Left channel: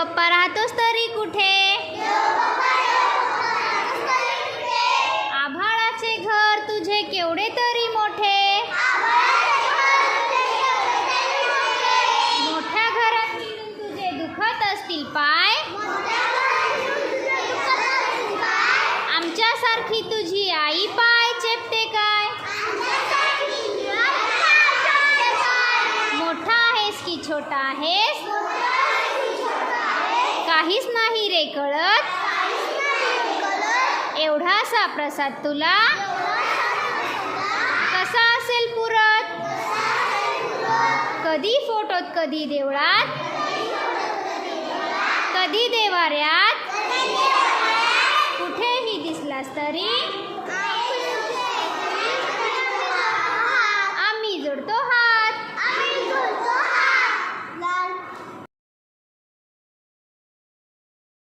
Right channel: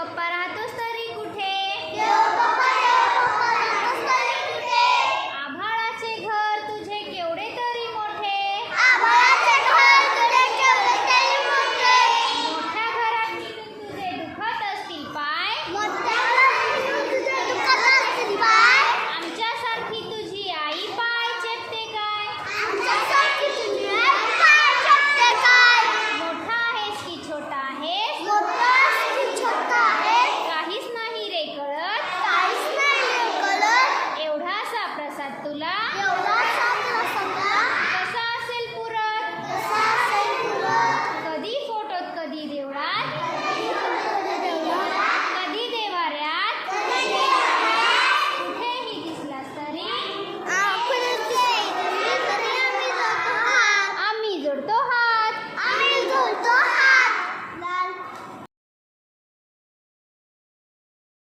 बाप्पा राहतोस तरी कुठे? आभाळाचे घर तुझे केवढे तरी मोठे. मोठ्या घरात मिळून तुझे दुखत असतील पाय. आमच्यासारखी तुझी आई पाय चेपते काय? मोठा आहेस की छोटा आहेस? काहीच नाही रे कळत. एवढासा प्रसाद तुला कसा असेल पुरत? कधी फोटोत कधी देवळात.